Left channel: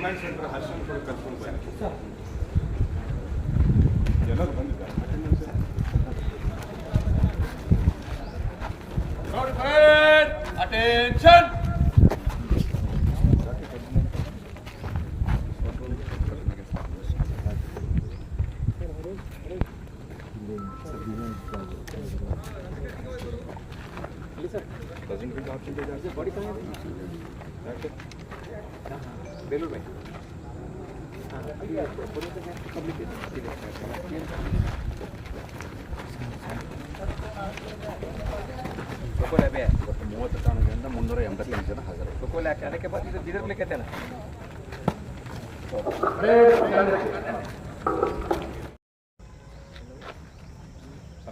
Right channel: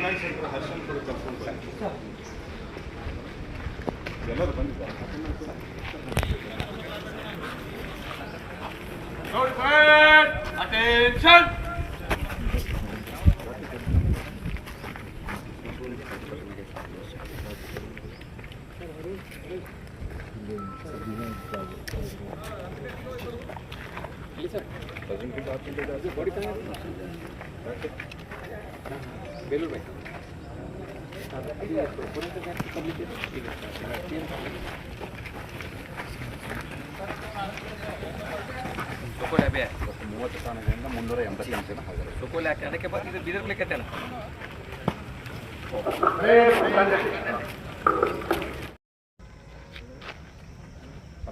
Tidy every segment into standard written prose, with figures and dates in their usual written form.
Command centre ಹರ್ಷನ್ ಕೂಡ ಕರ್ಕೊಂಡು ಬನ್ನಿ. ಎಲ್ಲರೂ ಬಂದಿದ್ದಾರೆ. ಅಟೆನ್ಷನ್. बेलूर भाई ಸೊಕೋಲ್ ಅಬೆ 30 ಸ್ಥಾನದಿಂದ 388 ಜನ ಹಾಜರು. ಸೊಕೋಲ್ ಯಾಕೆ ಅದಕ್ಕೆ ಬರ್ತಿದ್ದು ಬೀದರ್ ಲೆಕ್ಕತ್ತೇನ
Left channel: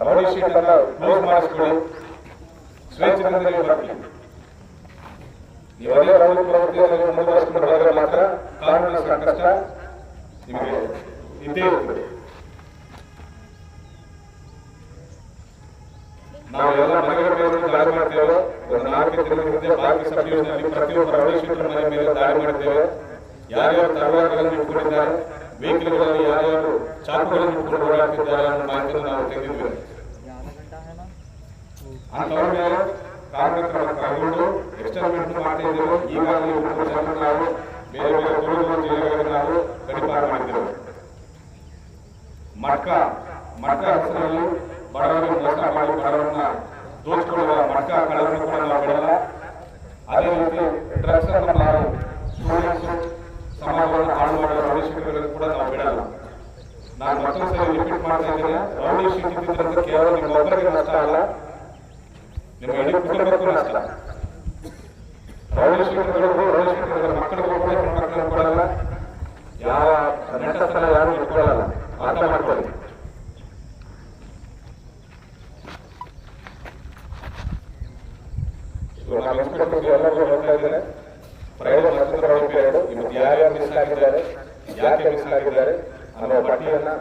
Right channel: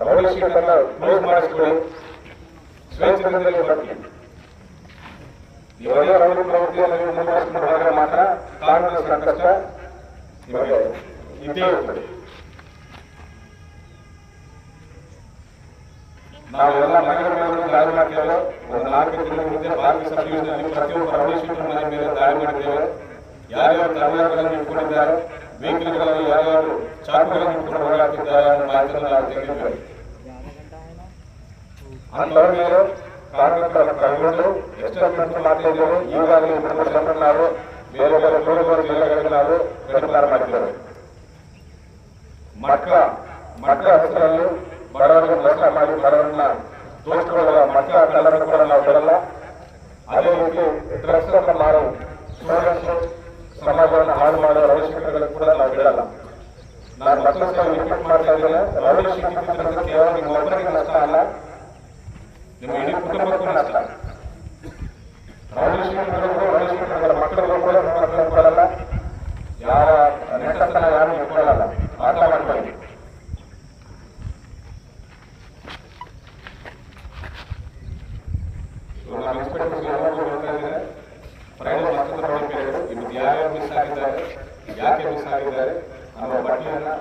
ರೌಡಿ ಶೀಟ್ ಅನ್ನ ಕ್ಲೋಸ್ ಮಾಡಿಸ್ಕೊಳ್ಳಿ. ಸ್ವೇಚ್ಛೆಯಿಂದ ಬರ್ತೀವಿ. ಇವೆಲ್ಲ ರೌಡಿ ಪ್ರವೃತ್ತಿಯನ್ನು ನೀವು ಮುಂದುವರಿಸಿಕೊಂಡು ಹೋದರೆ ಮಾತ್ರ ಕಾನೂನು ಸಂಕಷ್ಟ ನಿಮಗೆ ಇದ್ದೇ ಇರ್ತದೆ. ನಾವು ಎಲ್ಲ ಮನೆಗಳ ಮೇಲೆ ದಾಳಿ ಮಾಡ್ತೇವೆ. ಒಂದು 4 ದಿನದ ಹಿಂದೆ ಬಾಲ್ಕಿ ಸಬ್ ಡಿವಿಷನ್ ಪ್ರತಿಯೊಬ್ಬ ರೌಡಿ ಶೀಟರ್ ಮನೆ ಮೇಲೆ ದಾಳಿ ಮಾಡಿದ್ದೇವೆ. ಯಾರ್ಯಾರು ತಲವಾರುಗಳನ್ನು ಇಟ್ಕೊಂಡಿದ್ದಾರೆ, ವೆಹಿಕಲ್ಗಳಲ್ಲಿ ಯಾರ್ಯಾರು ಚಾಕುಗಳನ್ನು ಇಟ್ಕೊಂಡು ಓಡಾಡ್ತಿದ್ದಾರೆ ಅನ್ನೋ ಮಾಹಿತಿಯನ್ನು ನಾವು ತೆಗೆದಿದ್ದೇವೆ. ಅಂತವರ ಮೇಲೆ ಕಾರ್ಮಿಕರನ್ನು ಕೈಗೊಂಡು ಎಕ್ಸ್ಟರ್ಮೆಂಟ್ ಮಾಡ್ತಾ ಇದ್ದೇವೆ. ಈಗಾಗಲೇ 3 ಜನರು ನಾವು ಬೇರೆ ಬೇರೆ ದೂರ ಜಿಲ್ಲೆಗಳಲ್ಲಿ ನಾವು ಗಡಿಪಾರು ಮಾಡಿದ್ದೇವೆ. ಮಟ್ಕ ಹೆಸರಲ್ಲಿ ಬಡವರಿಗೆ ಮೋಸ ಮಾಡಿ ಬಡವರನ್ನ ದೋಚಿಕೊಳ್ಳುವ ಮಟ್ಕ ಕಳ್ಳರನ್ನು ಕೂಡ ನಾವು ಬಿಡಲ್ಲ. ಅದೇ ರೀತಿ ಡ್ರಗ್ಸ್ ಅನ್ನು ಮಾರೋ ಸ್ಟೂಡೆಂಟ್ಸ್ ಸಮಾಜವನ್ನು ಹಾಳು ಮಾಡುವ ರೌಡಿ ಶೀಟ್ಗಳನ್ನು ಕೂಡ ನಾವು ಬಿಡಲ್ಲ. ನಾನು ಮತ್ತೊಂದು ಸಲ ರಿಪೀಟ್ ಮಾಡ್ತಾ ಇದ್ದೇನೆ, ರೌಡಿ ಶೀಟ್ ಇದ್ದಿದ್ದರಿಂದ ಕೇವಲ ನಿಮ್ಮ ಒಬ್ಬರಿಗೆ ನಷ್ಟ ಅಲ್ಲ, ನಿಮ್ಮ ಇಡೀ ಕುಟುಂಬಕ್ಕೂ ನಷ್ಟ. ರೌಡಿ ಶೀಟರ್ಗಳು ಮಕ್ಕಳಿಗೂ ಕೂಡ ಮಕ್ಕಳನ್ನು ಕೊಡಲ್ಲ, ಯಾವ ನೆಂಟಸ್ಥನ ಯಾರು ಇಟ್ಕೊಳ್ಳಲ್ಲ. ಅರ್ಥ ಮಾಡ್ಕೊಳ್ಳಿ. ನಮ್ಮ ಇನ್ಸ್ಪೆಕ್ಟರ್ಸ್ ಎಲ್ಲರಿಗೂ ಹೇಳ್ತಾ ಇದ್ದಾರೆ, ಫ್ರೈಡೆ ಮತ್ತೊಂದು ರೌಡಿ ಪೀರಿಯಡ್, ಇವತ್ತು ಯಾರ್ಯಾರು ಮಿಸ್ ಆಗಿದ್ದಾರೆ, ಯಾಕೆ ಮಿಸ್ ಆಗಿದ್ದಾರೆ ಅನ್ನೋ ಪಟ್ಟಿಯನ್ನು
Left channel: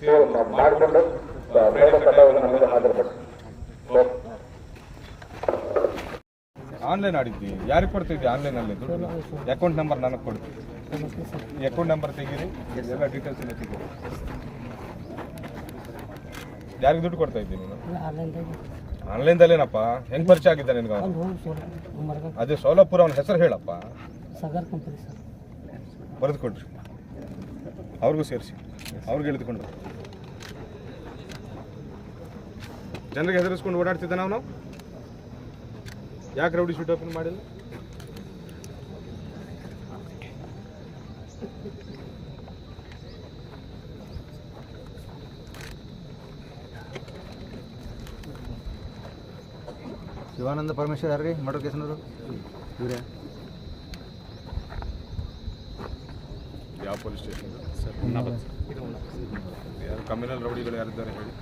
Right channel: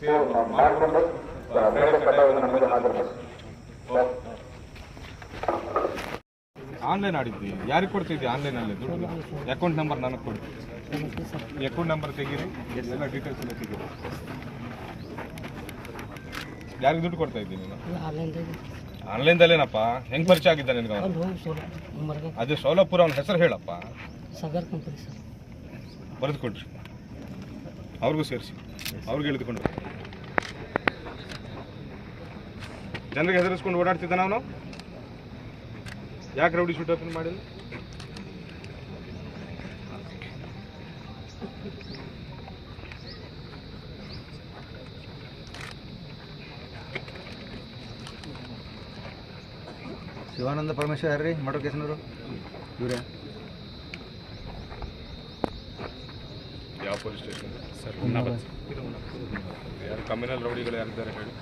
ಸೇವ್ ಮಾಡಿಕೊಂಡು ಫ್ರೈಡೆ ಕಡ್ಡಾಯವನ್ನು ಮುಂದೆ ಹಾಜರುಪಡಿಸಿ. ಆನ್ಲೈನ್ ಆಡಿದ್ವಿ. ಯಾರಿಗೆ ಕೊಡ್ತಿದ್ವಿ ಆನ್ಲೈನಲ್ಲಿ ದುಡ್ಡು? ಅಕೌಂಟ್ ನಂಬರ್ ನನಗೆ ಕೊಡ್ತೀವಿ. ಅಕೌಂಟ್ ನಂಬರ್ ತೆಗೀರಿ, ಎಲ್ಲ ಡೀಟೇಲ್ಸ್ ಎಲ್ಲ ತೆಗೀರಿ. ಯಾರಿಗೆ ದುಡ್ಡು ಕೊಡ್ತಾ ಇದ್ದೀನಿ ನೀನು? ಆನ್ಲೈನ್ದಲ್ಲೇನಪ್ಪ? ಹೆಂಗೆ ಪರಿಚಯ ಆಗಿದ್ದ ನಿನಗೆ? ಅದೇ ಸೋಲಾಪುರ, ಅವನ ಹೆಸರು ಹೇಳಪ್ಪ. ಬರೆದು ಕೊಡ್ರಿ, ಅವ್ರಿಗೂ ಸೇರಿಸಿ, ಅವ್ರಿಗೆ ಎಳೆದುಕೊಂಡು ಜನರಿಗೆ ಹೆದರಿಸ್ಕೊಂಡು ಓಡಾಡ್ತಿದ್ದಾನೆ ಅವನು. ಯಾಕೆ ರೌಡಿ ಶೀಟ್ ಓಪನ್ ಮಾಡಿಲ್ಲ? ಶಿವಾನಂದ ಪರಮೇಶ್ವರ್ ಯಾರ್ರಿ ಮರ್ಡರ್ ಕೇಸ್ನವರು? ಇವರೇ. ಯಾವ ಪೊಲೀಸ್ ಸ್ಟೇಷನ್? ಯಾರು ಕಮ್ಯುನಲ್ ರೌಡಿಗಳು ಯಾರಿದ್ದಾರೆ ಹೇಳಿ?